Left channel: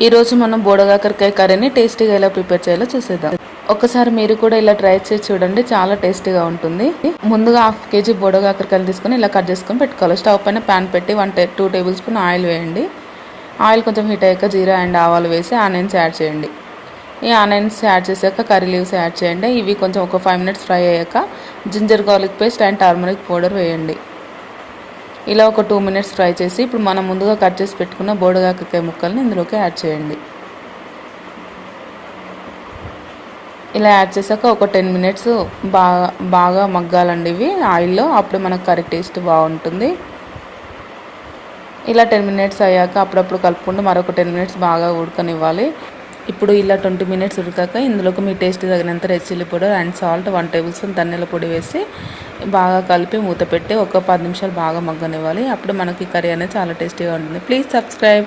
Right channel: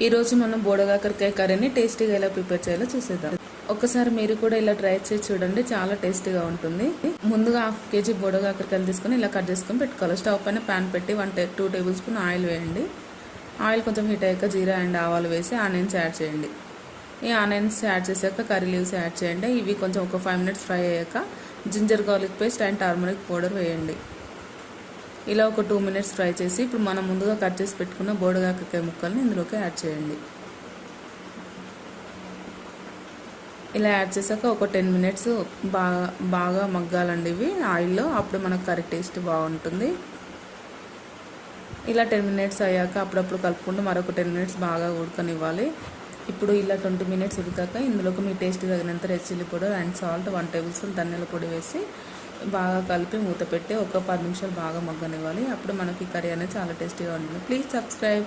ఈరోజు మనం బోడకాకరకాయ కర్రీని టేస్టీగా ఎలా ప్రిపేర్ చేయాలో చూసేద్దాం. ఒకసారి మీరు కూడా ఇలా ట్రై చేసి చూడండి, చాలా టేస్టీగా ఉంటుంది. ముందుగా 1/2 kg బోడకాకరకాయలు తీసుకొని ఇలా కట్ చేసుకొని పెట్టుకోవాలి. స్టవ్ పైన ప్యాన్ పెట్టి 2 టేబుల్ స్పూన్ ఆయిల్ వేయండి. ఆయిల్ కొంచెం హీట్ అయ్యాక జీరా అండ్ ఆవాలు వేసి ఆనియన్స్ యాడ్ చేయండి. ఈ ఆనియన్స్ యాడ్ చేశాక కర్రీ లీవ్స్ యాడ్ చేయండి. ఇవి కొంచెం ఒక 5 minutes ఫ్రై అయ్యాక ginger garlic paste and turmeric powder వేయండి. ఇలా ఒక 2 minutes ఫ్రై చేసి ఇప్పుడు మనం ముందుగా కట్ చేసి పెట్టుకున్న బోడకాకరకాయ ముక్కల్ని ఇందులోకి యాడ్ చేయండి. ఇలా యాడ్ చేశాక ఒక 10 minutes బాగా మగ్గాలండి ఇవి ఆయిల్లో, అప్పుడు మనకు కర్రీ టేస్ట్ బాగుంటుంది. ఇలా 10 minutes అయ్యాక అప్పుడప్పుడు కలుపుకుంటూ మరొక 10 minutes బాగా ఉడకనివ్వాలి. ఇప్పుడు ఇలా 20 minutes ఉడికాక ఇందులోకి మీ టేస్ట్ తగినంత red chilli powder and salt 1 table spoon ధనియాల పొడి వేసి బాగా కలిపి మూత పెట్టి ఒక 10 నిమిషాలు బాగా మగ్గనివ్వాలి. అప్పుడు మనకి కర్రీ అనేది చాలా టేస్టీగా ఉంటుంది. Please subscribe.